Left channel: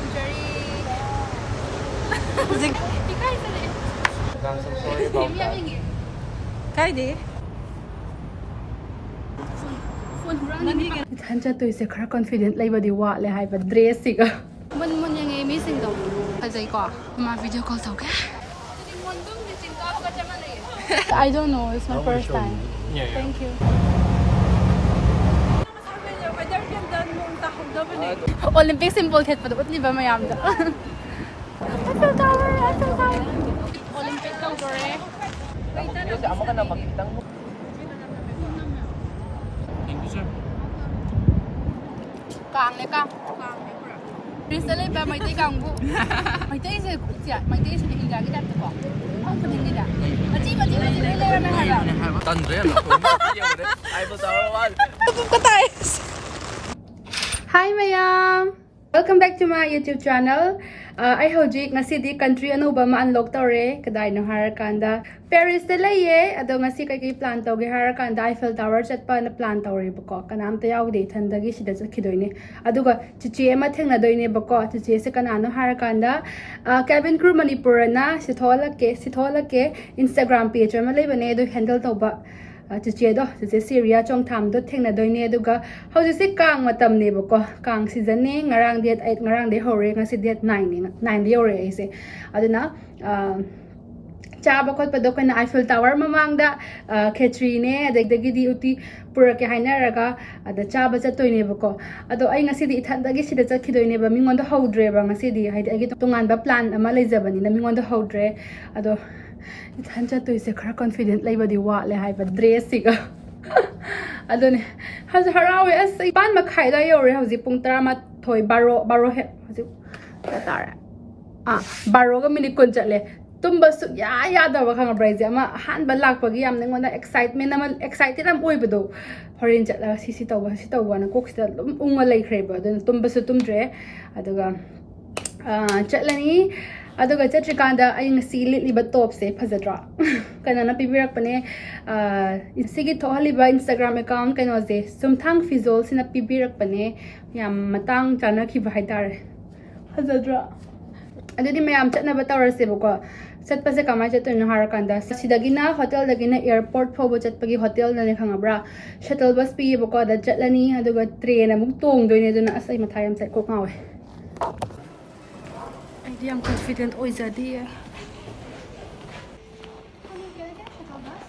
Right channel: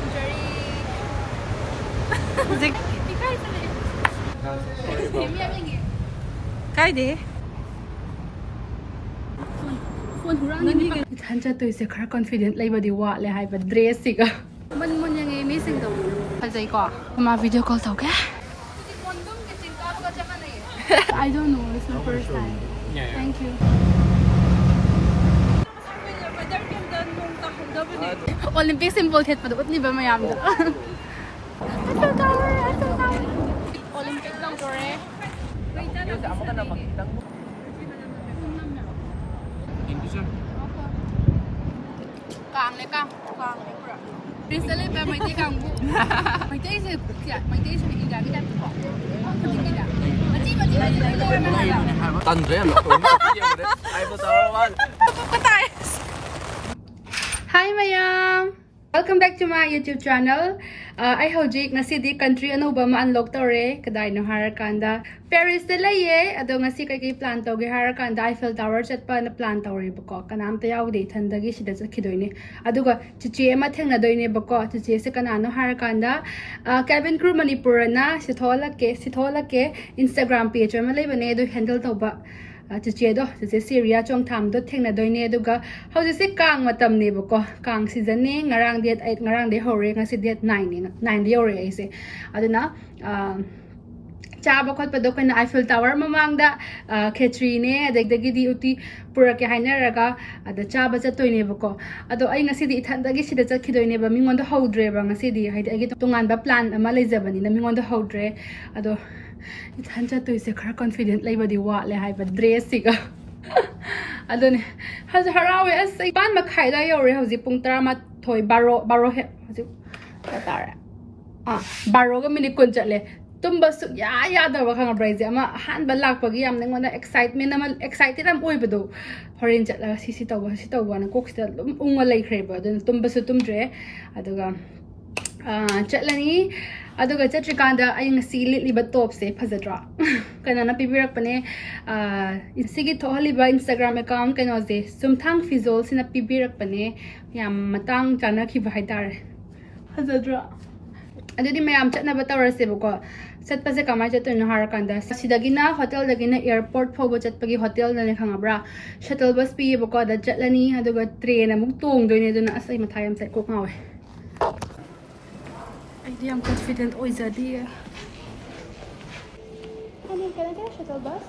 ꯇꯧꯖꯔꯤ ꯍꯧꯖꯤꯛ ꯏꯀꯥꯏ ꯆꯠꯂꯦ ꯃꯤ ꯌꯥꯝ ꯌꯦꯡꯉꯦ ꯀꯥꯏꯗꯦ ꯐꯣꯟ ꯍꯨꯔꯥꯟꯒꯅꯤ ꯏꯊꯟ ꯆꯠꯇꯣꯏꯁꯦ ꯈꯔ ꯀꯟꯐꯤꯗꯦꯟꯠ ꯂꯩꯕꯗꯤ ꯋꯥꯠꯂꯦ ꯍꯥꯏꯕ ꯗ꯭ꯔꯦꯁꯁꯤꯒ ꯃꯨꯟ ꯌꯦꯡꯉꯦ ꯃꯤꯁꯤꯡꯗꯣ ꯐꯖꯩꯀꯣ ꯃꯥ ꯚꯤꯗꯤꯑꯣ ꯀꯣꯜ ꯇꯧꯒꯦ ꯃꯣꯟꯗꯨꯝꯒꯤ ꯆꯤꯡ ꯀꯥꯕꯒ ꯆꯞ ꯃꯥꯟꯅꯩꯌꯦ I don't know it's my first time thank you Olympic symbol ꯊꯦꯠꯄꯗ ꯎꯠꯂꯤꯕ ꯃꯌꯥꯝꯗ Eiffel Tower Eiffel Tower Olympic ꯇꯧꯗꯣꯔꯦ ꯀꯥꯡꯅꯦ ꯀꯥꯡꯅꯦ ꯄꯨꯔꯥ ꯄ꯭ꯔꯤꯟꯁꯇ ꯂꯩꯕ ꯃꯩꯇꯩ ꯀꯥꯡꯕꯨ ꯃꯩꯇꯩꯁꯦ ꯃꯩꯇꯩꯁꯦ ꯏꯟꯗꯤꯌꯥꯒꯤ ꯇꯥꯏꯞꯇꯀꯣ ꯃꯐꯝ ꯈꯨꯗꯤꯡꯒꯤꯗ ꯃꯆꯤ ꯂꯣꯏ ꯂꯩꯔꯝꯃꯦ ꯍꯥꯏꯕ ꯇꯟꯗ꯭ꯔꯦ Eiffel Tower Hi mayam! Welcome back to my YouTube channel. I hojik ngasidi country anouba ma unlock tawre kadaino harakanda Paris da laye ado ngasi kai plan tawge harakanda Eiffel Tower chatpa na plan tawre bako kanam ta yaude thandagi sida chakhidoine aduga chichi ema thengna doine bako chichi se kanano harakanda cabin crew manipur na sitholake Instagram page ma leibane do handle tawba chichi do chichi Syria chong tham do thengna doine aduga hauji se kang matam ne bako kang season ne ngarang date 8 ngarang de hore ngasi date 9 ne 9 de hore ase aduna chaba khot pado kana Eiffel Tower mamangda khechri ne adegdagi di uti pura ke hainaraga ada chaba chatoine bako ado ai ngasi di ithandagi sida chakhidoine ba mingon do hodre ba ngasi di haidi agi tongan ba plan ama leijabani na mingon do hodre ado ithan chatoise khara confident leibadi wale haiba dress siga adone hazu harawe as ban makhai da yore hauji pung 13 baro he hauji tara baro ga minute kun chatle tumba su ya da ba khang braise ama han ba lak pagi am nengona excitement ama excited am oibado horin chatla si tawba na koksta ungma leikhre ba den tumba su tumdre aduga chatlani aduga chatrikanda ai ngasi liba top se phajadra kanana pibirak pane insigi thohaliba Instagram account kano je sumthang fizol sina pibirak pane yam matang chana khiba haidare phajadra adudi mayam chatna ba tawrase bako chatpase kamai chatuna harakanda sidagina hotel dagina airport phobo chatpagi hotel dane khangabra shuttle bus pi bako da chatlani aduga train amuk tong doine duna asai mathayam sai ko ngawe I am confident oizadi Honey, can I take shuttle bus?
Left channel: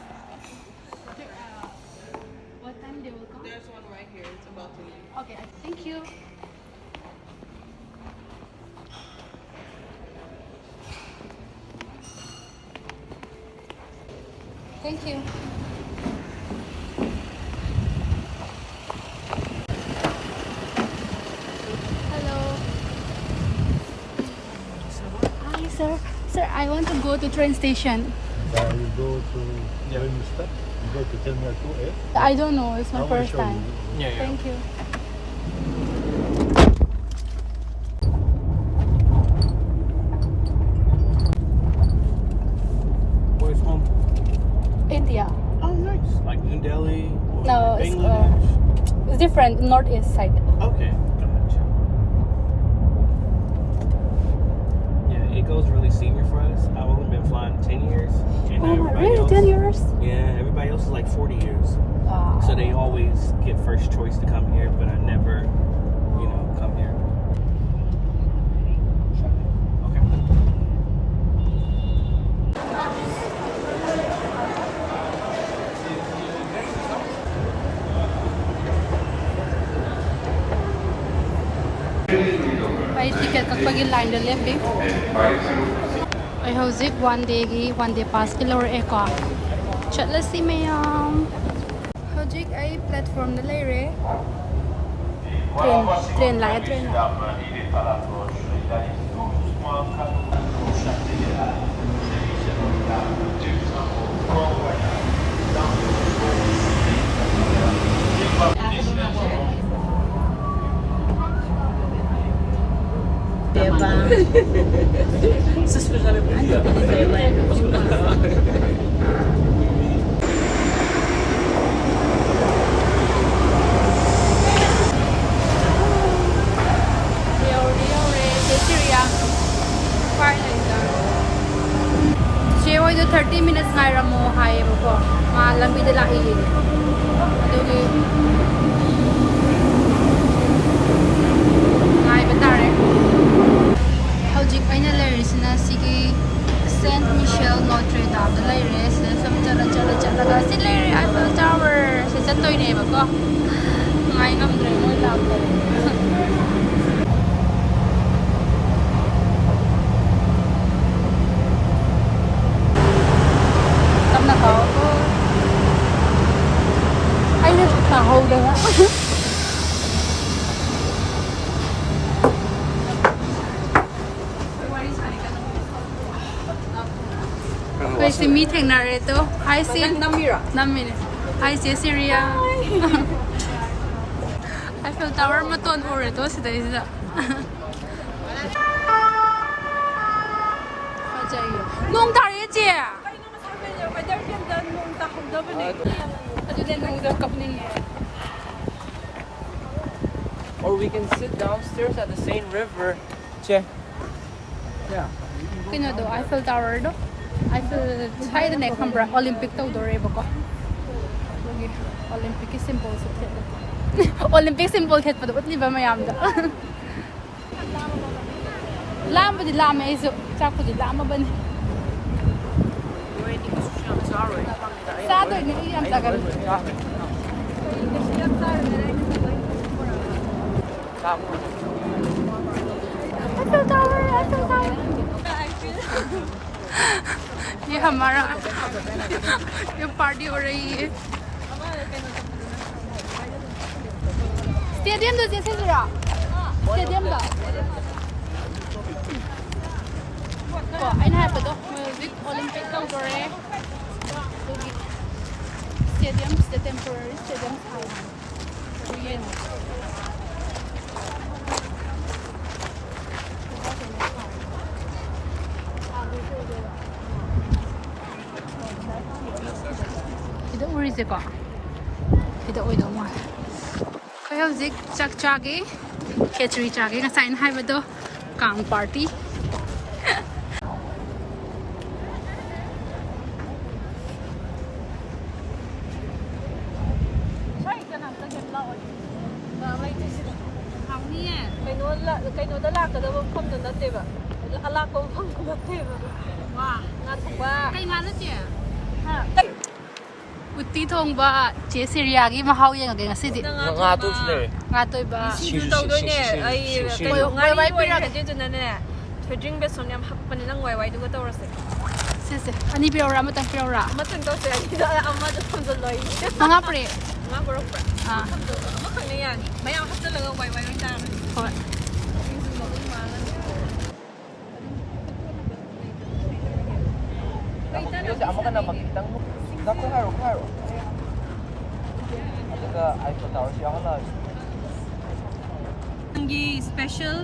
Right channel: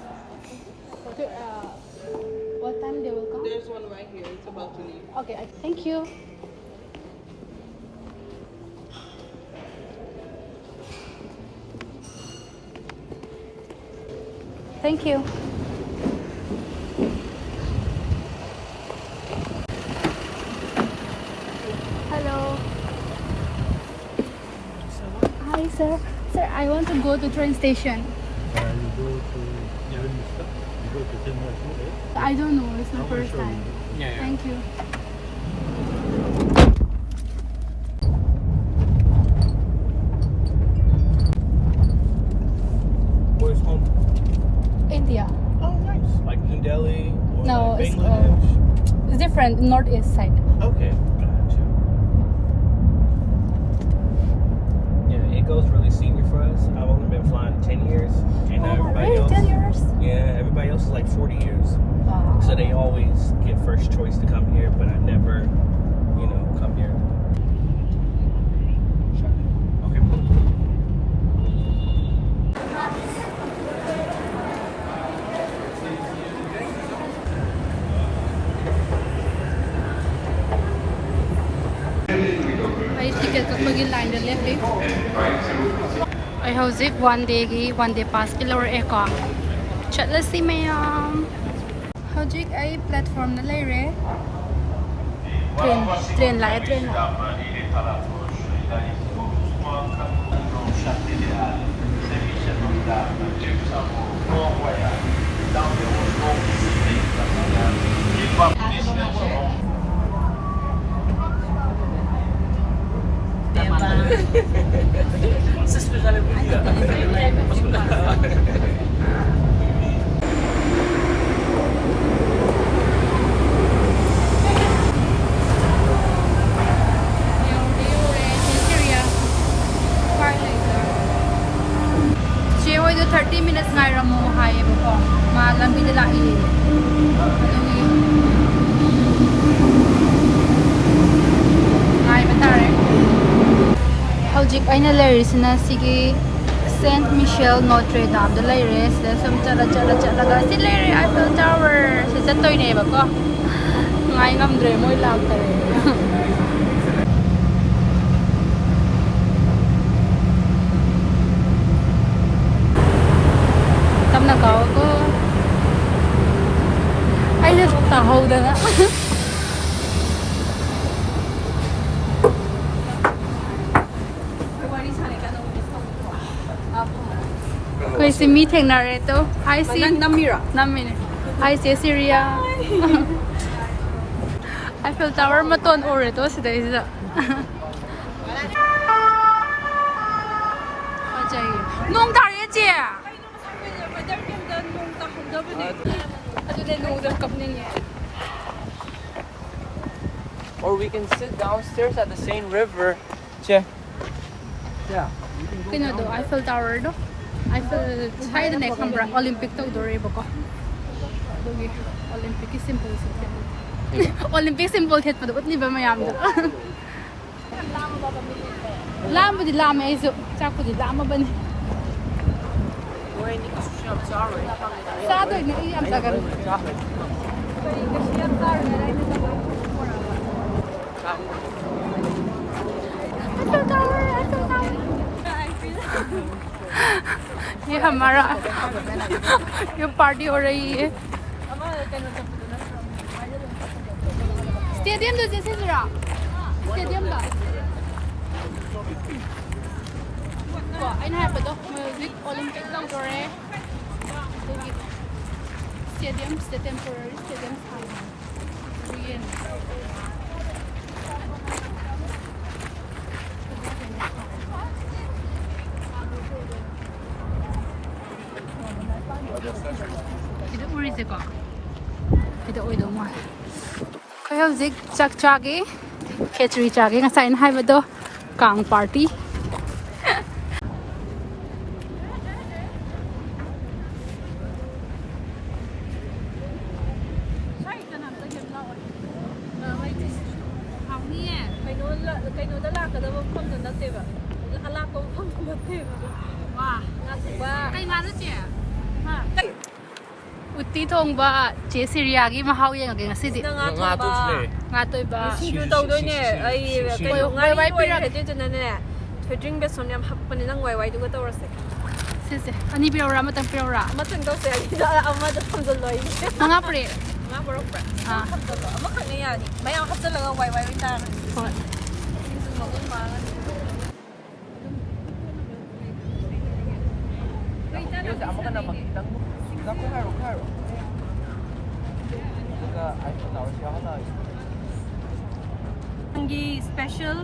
What time they will come? There's one right here. It's about to leave. Okay, thank you. Thank you. Hello. Hi, sir. Sir, I want to go to train station. You go to Terminal 2, yeah? I don't know. It's my first time. Yeah. Thank you. Where's home? India. Oh, nice. Like New Delhi? Or No, Bangladesh? it's different. Northeast side. Okay, gotcha. Yeah, it goes really senior for us. I've only been flying 10 years. And everybody Really? else, 10 years? Yeah, everybody else is like 40 years. Wow. So they always get first choice to come here, but I never, come here. May ticket kapag line the left day. I hojik one day pass kilo eko. Chatla si mayam. Hojik ay platform na laire. Train la. 30 minutes ngairamo hayebako ma lambi da lai din adugi ngai batare hojik aina lerisina sigi Saint Michel Notre Dame da leire sida som chala ga si leire Eiffel Tower se chatoi ne ba ko ngai ngam dre si mi thengnare to hi si namine hi si Syria Eiffel Tower maton ore to sidai sida fajai nong tare che adu le nong da kapning Or we can sit downstairs at the same river. Che. Yeah. kino do Eiffel Tower do Eiffel hai da ne khambra Olympic to do re bako dogi Olympic symbol so Olympic symbol het padu utli ba mayam da lam budi lam ai so chak budi lam bane sa do ne yam ta gar Eiffel Tower ये हमारा ये party हो रही है stadium तो जैसे जरा stadium दा को आइन है पतो म्यूजिक ओलंपिक लो जोरे stadium the temporary stadium hai Kita uri se ko. Kita oi do ma. Khoi hojik chak chage khechri chage ngasai na hai bado kang party. Sai kana ta jem la oi. Na mai ti se. Hang ni e. Kai no da la ka da phom da na te ba. Ala ko phom da te ba. Wa, na ko ba. Kai nga na che. Ha. Uti thong ba che Syria gi ma hau yang ga sidi Nga tu chile. nga toi ba Sidu tau doi ne ai kai ngai wai pi ra de jana ne thojing be som yam hap pani nang wai wai du ga tau ra se se se ani pi ora ma tang pi ora ama tang tau se ani da ama da thom da loi nga pre nga bro pra ah thom da ama khang ne ya ni mayang hap da la wai wai ri ta hoi Kasi amo ka na magkitang mo. Dako haro. Atika Eiffel Tower siya ka na. Angi special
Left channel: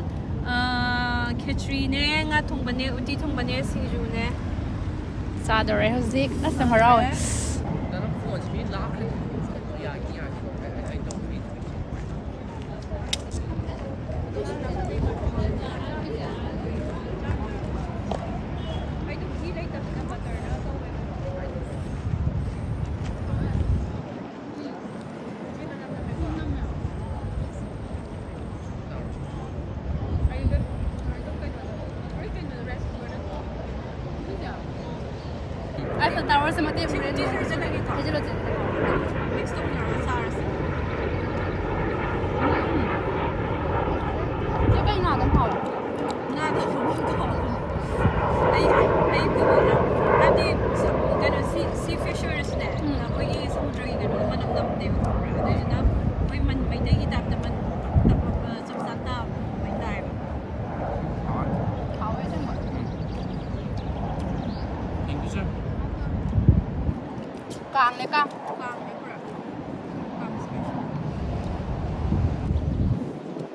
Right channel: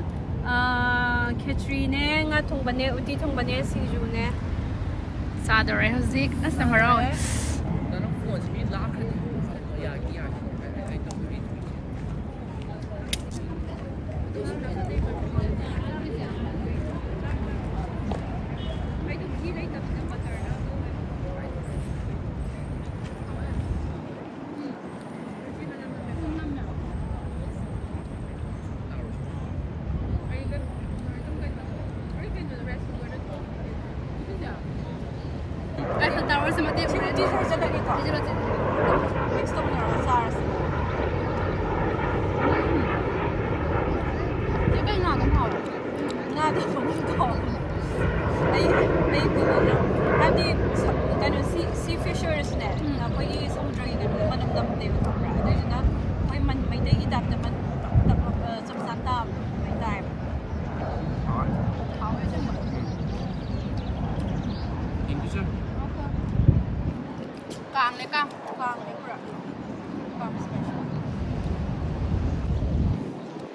khechri ne nga thong bane uti thong bane singju ne sa do re hozik asa marao Danang phone si mi lock it. Yeah. I don't know. Eiffel Tower sa mati ready zero这个哪能好了？ nga da phom ko ai bu na ati kanu sea fishers ne na ko yi sumudra ni na manam dam de ko pra na mai man mai de itap da man tap sam sa ta mai dai好哎，这么。 Thank you, sir. Kang le kang. Kang ne pra kang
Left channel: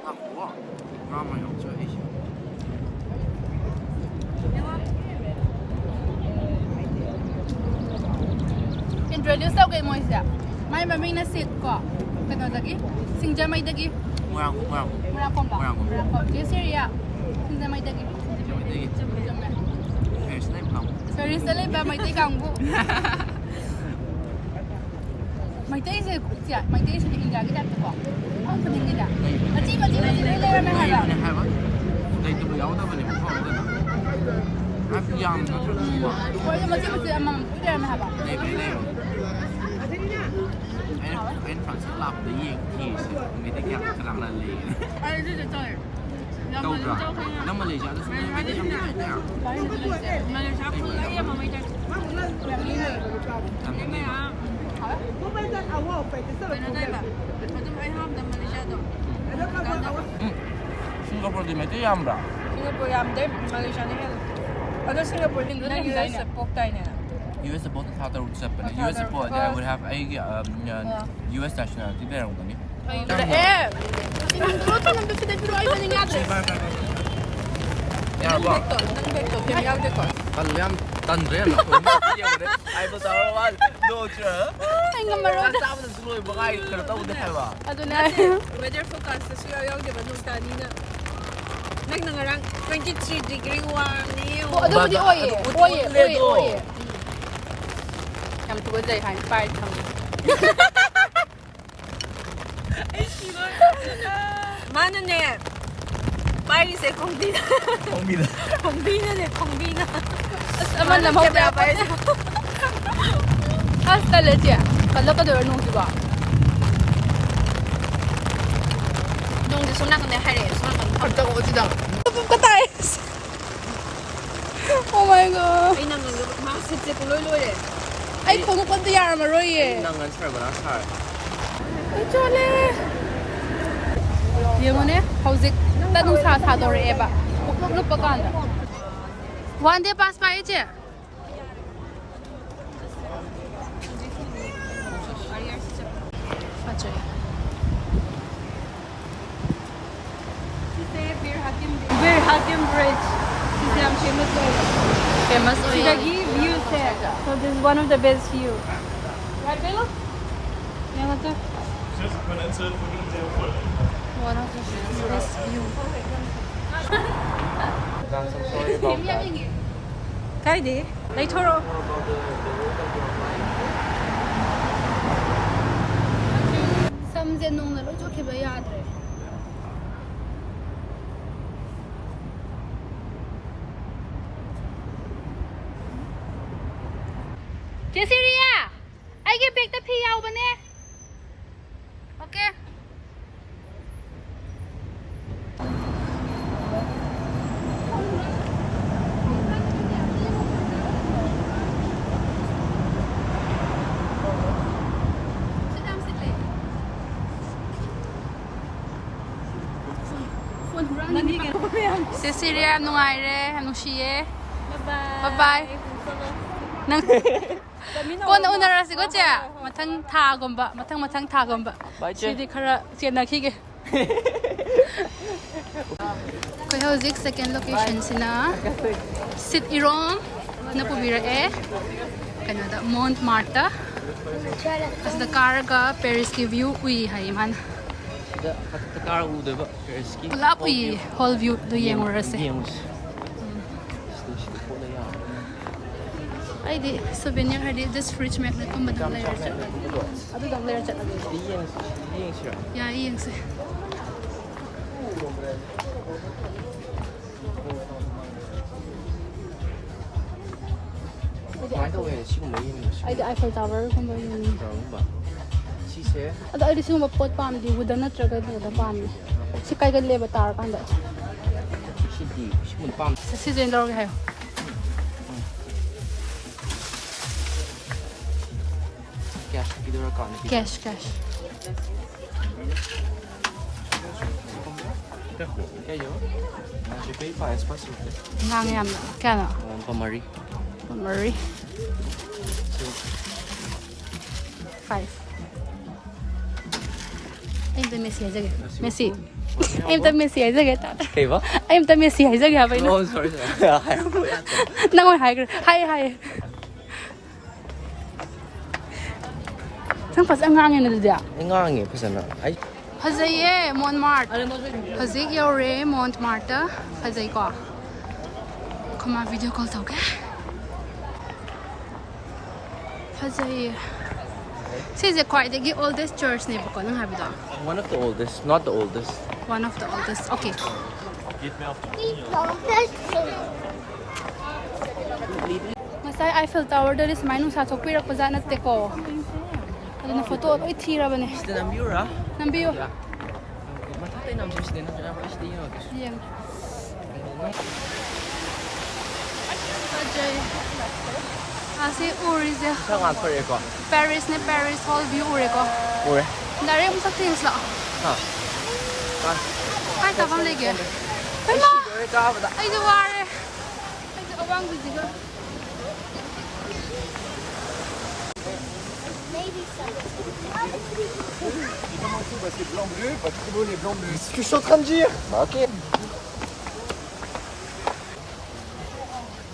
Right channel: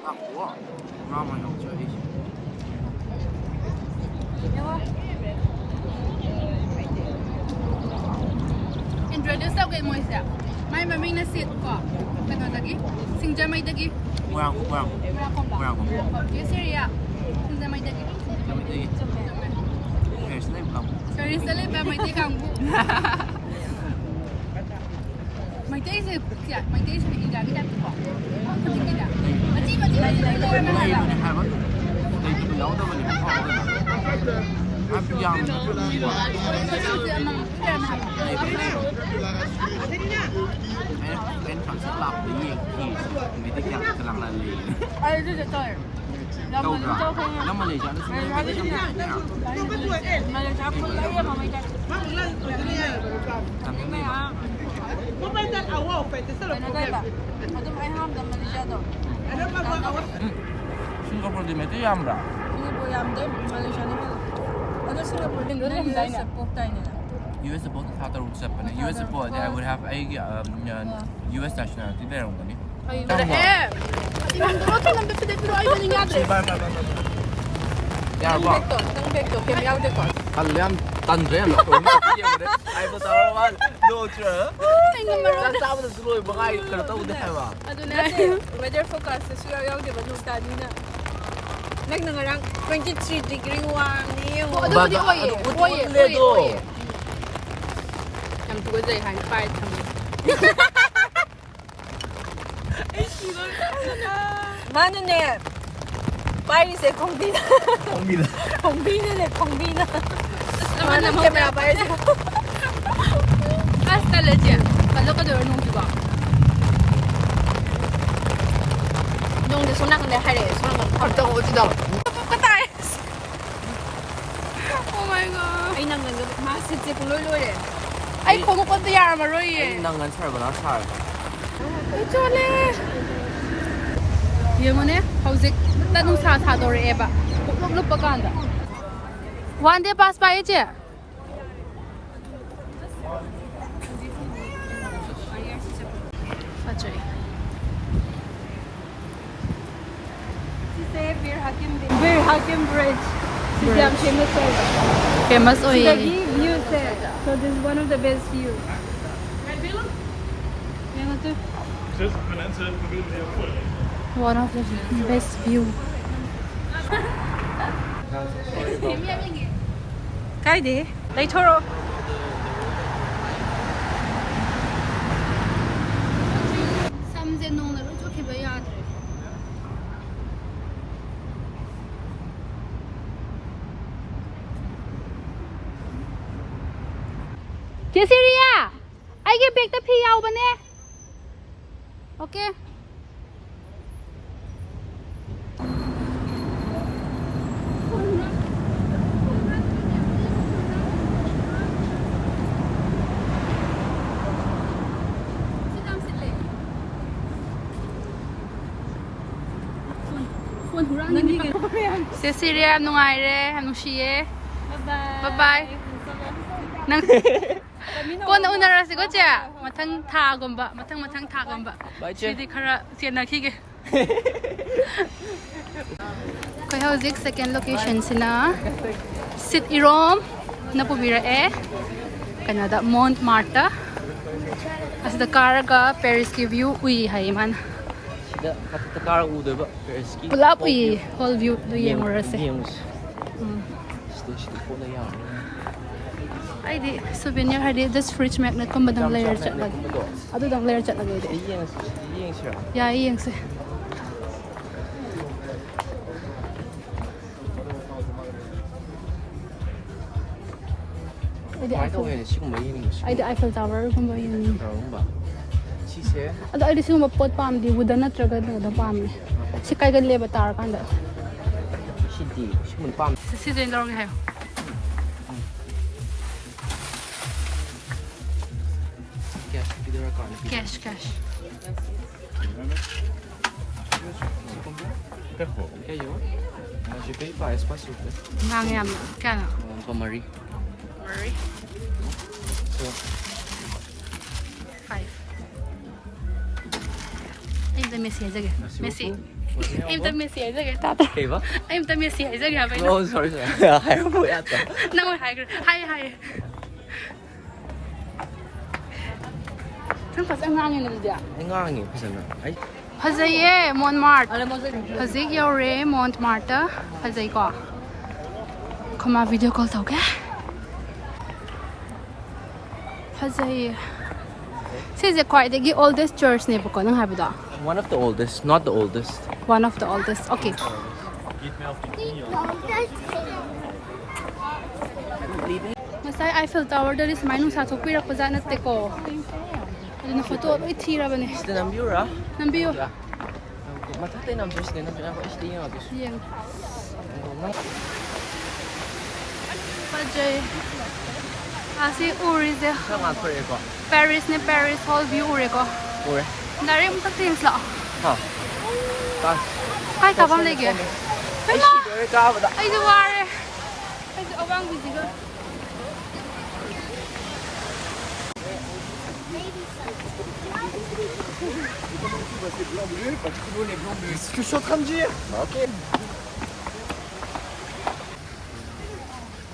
Ah, wow. Mama yang chơi ấy. Introduce tau kay mo siya. May maming na seat ko. Kano lagi? Singja may dagi. Murang ko. Mura ko ba? Mura ko. Mura ko. Yung Syria. Singja may dagi. Siya may tagi. Jume. Paris leiba kang. Paris leiba meiteiga kang. Meiteiga se kukya, meiteiga se kukya ni kat ko. Hong kong ni da. Maji leiba na ha. Leiba ne hai ba. Leitaba yaudaba ne mafam da na. Ab yam na tru ba. Maji amang ira na ha ba. Leiba. Anh phản xạ lặp đấy gì thì mấy cái dạng cái lăng là lì Ai đây là tôi. đâu rồi nó mà lì cho nó xuống mấy cái dạng này nhá Malaysia pun dia mamangda. làm cái này mà Leiba. Aduh ai ham dah Malaysia tu. Singapore thì mấy cái yam ra Singapore yang dia Malaysia ni kan. Ada Singapore ni dia US pok tai ni. US support the Qatar would step in US support I would have a US nationality there on gani Ada Tinang dulu tu nampak video ai bani ngadre. yeah wrong tan rem là tôi biết rồi đấy Eiffel Tower one no chưa Ai ngamaro. sao mà tôi lôi bằng ai cái tao đi hay ba Aduh na. Weather forecast tu sudah yang dia baju tadi ni. Nang 23 degree warm ni. Aduh di oi. Cầm túi dây hành phải thầm. Mana ni? Paris eh Kongbina. Kongbina. Mana mau Kamera Paris. Hasta leche. Kalau kau dah nunggu juga. Nung di sunang ni hari sunang. Aku mau tidak Katai. Oh my god. Ay nang masih cek lulu eh. Ai không có con tia mà rồi ye. năng ngắn chơi và nó chơi Ai cho le. Yang mana? Hauzik. Tanung sa dore eba. Lup paganda. One day pass by je. Pacay. Bir Hakim Bridge. Sizam famous oil. Sidagi view se. So this is one of the best view. Right, Bella? Yeah, that's it. One of the best view. Cái gì? Lấy thoro. Some dân nông là lúc trước khi bây giờ rồi. Chị Syria, ai cái big tập hiếu bên nè. Ok. Cecilia, em nungay re, em nung siye. Bye bye. Nang ko na una ra sigo che mathang tha gomba mathang tha gomba sidi khara chena khige ko hauzik second location sina sit irom na pubira e Canada Montmartre as the car ga Paris ki view ui hai man cái car u đấy vậy cái ski pula ui whole view do yeng ora se ai di souvenir hari this fridge magnet ko madang layer chat lag adu dang layer chat lag ya yeng se ai di Eiffel Tower ko mo yun adu ai di sum pot pam di wooden na traga da pam si kai gan leiba tower kan da si den log hai cash cái gì đó je paye par espace s'il vous plaît ngang yam na kana pour Marie 5 em ta Messi jage Messi em ta Messi jage ta ta cái gì em ta Messi jage ha oh sorry nang hai Sang pas ang hangin na dia. ngon nghỉ phải nào ấy Hazaye Montmartre. Hazik yaure Montmartre. Hazay ko. Kama video call tau ka? Fazay. Size quite oldest church ne bako nang habi da. One of the oldest, not the oldest. One of the oldest. Okay. Masai Eiffel Tower there is minus sa thokpi rak paja natte ko. Ano photo roi thira bane. Is the Nambiura? Nambiyo. Yeah. Matatay nam just din ako is din ako. Yang. Fazay. Asi uri se. Paris ne Paris whole view uri ko. Uri. Dari mo tak things la. Kai ka bam lege. Pai ma. Ai du ware. Ai du awang bi jiga. C'est ce que je suis en train de dire. Ok.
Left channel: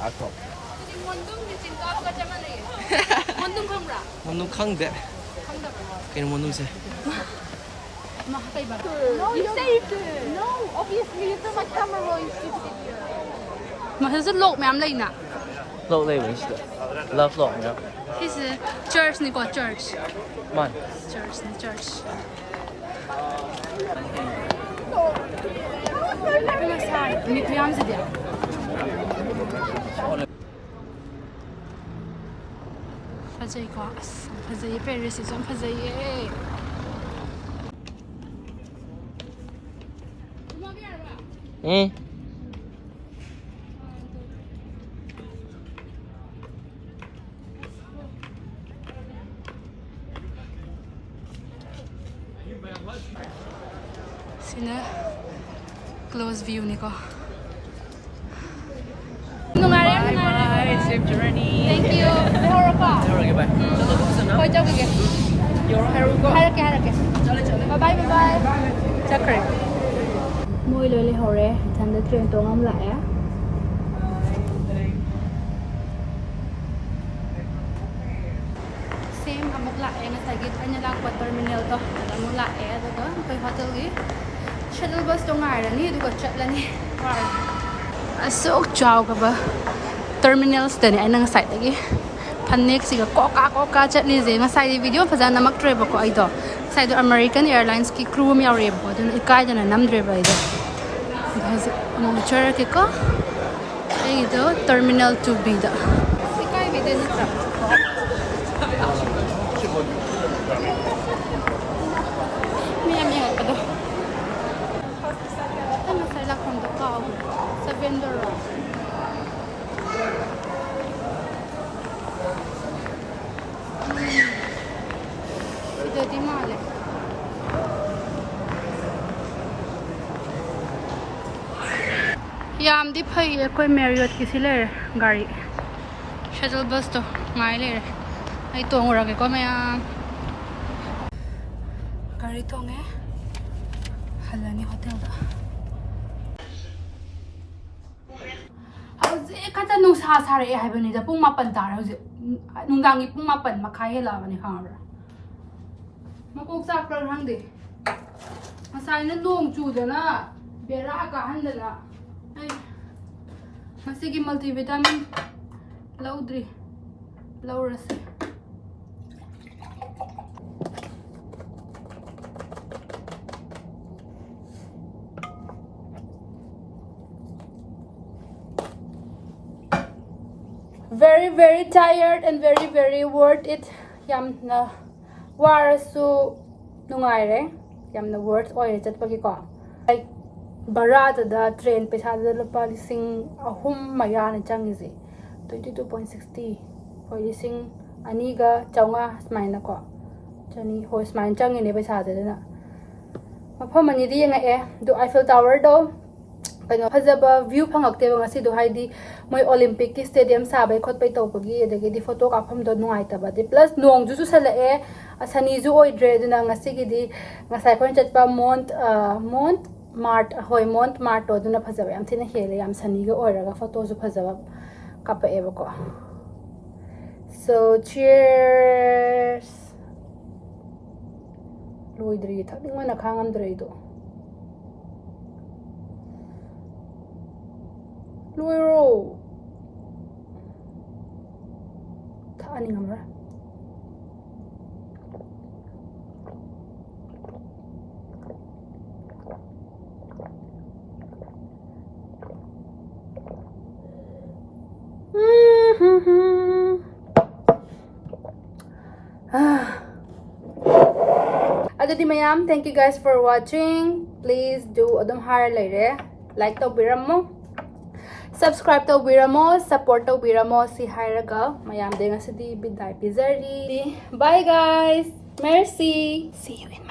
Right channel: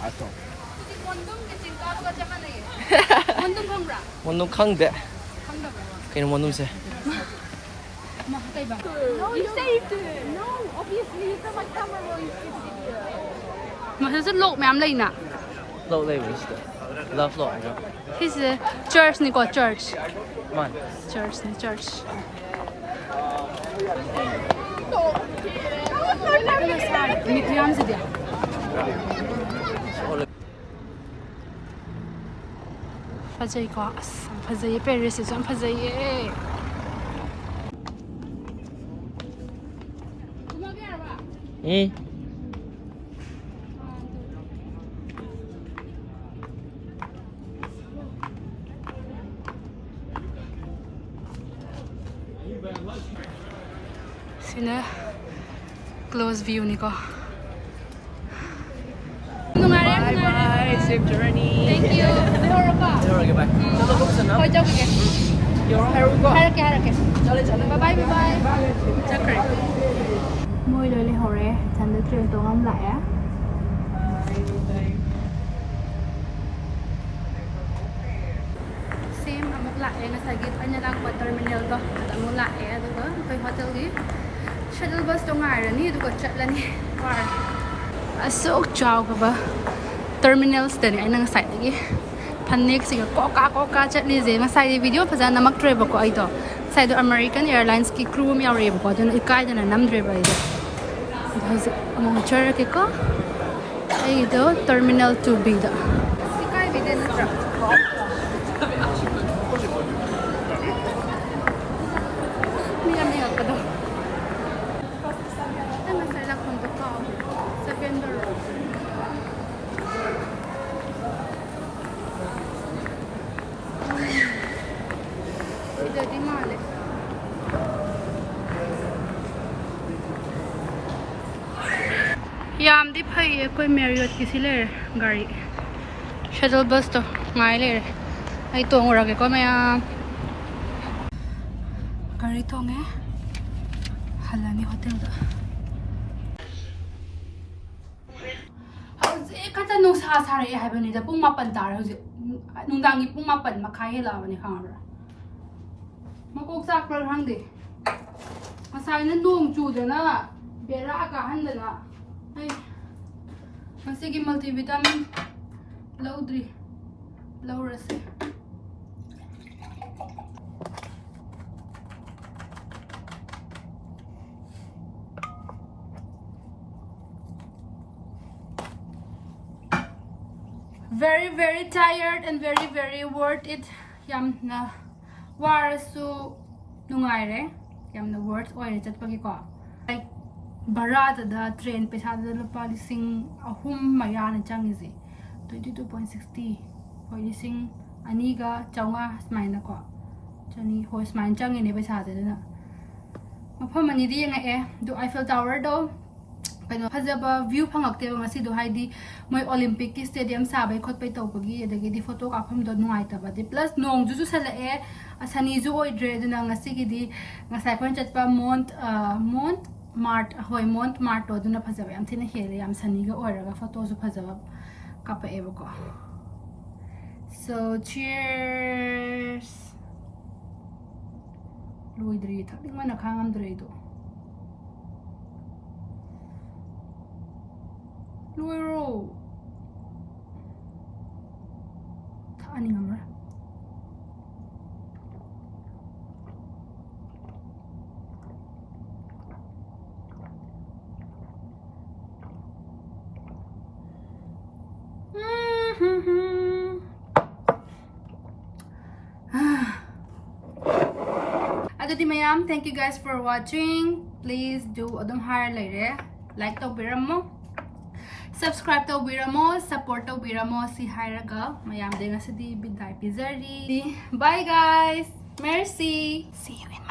Attends. Mondum kang de. Kaya mondum se. You saved it. No, obviously you put my camera on stupid video. Mà thật rất lộ mẹ em lấy nè. Lộ lên mình. Love lộ nữa. His church ni ko church. Man. Church ni church. Ano sai? Mi kuyam se dia. Fazay ko as. Fazay Paris is fazay. Sina close view ni ko. Bye bye. Safe journey. Okay, bye. Hoy jaw ke. Harake. Bye bye. Môi lời hore, thành được truyền tụng ông lại á. Same amok lại nga sagit anya lang ko terminal to. At amok lại do ko kay hotel gi. Shuttle bus to ngai ra ni do ko chat la ni. War. Asok chaw ka ba. Terminals ta ni ay nang site lagi. Panik siga koka chat li je nga sai video phaja namak driver ko ai do. Sai do American Airlines ki crew mi yaw ko dun ikai dana nam driver ai do. Because among charure ke ko ai do terminal 2B da. Ikai bi den na trap. Niya ka do. Ano sa la kondo ka sa vendor. Jadi male. Yam di phai koi Marriott ki sile gari. Shuttle bus to ngai le. Ai tong ra ke ko maya. Gari tong e. Halani hotel da. Hauji kata nu sa sa re hai bani da pung 8 tar hauji. Nungdang gi pung 8 makhai hela bani khangabra. Makok sak pra hang de. Masai na nong chu da na. Bera ka han da na. Ai. Masigi multivitamin laudri. Laurase. Very tired and very worth it. Yam na warasu nungai re. Yam na worth oil chat pagi ko. Like barata da train paisa da lupa lising ahum maya na changi si 22.60 hoi lising aniga chaunga smile na ko. Chani hoi smile changi ne paisa da na. Mafam ani di nga do Eiffel Tower do. Kaya phajaba view phangakte ba ngasi do haidi moi Olympic ki stadium sabai khot pai tawpagi adagi di photo ka pham do nungai ta ba di plus nong ju sala asani ju oi dre dina ngasi gi di ngasai khon chat pa mont mart hoi mont mart to duna phajaba yam thina hele yam sani ga oiraga photo ju phajaba ka pa eba ko. So cheers. Loidri thakning mana khangam dre do. Luiro. Thani ngamra. Adudi mayam, thank you guys for watching. Please do adum har laire. Like to biramo. Subscribe to biramo, support to biramo si hairaga. Mayam de nga sidi biday pizari. Bye guys. Merci. See you in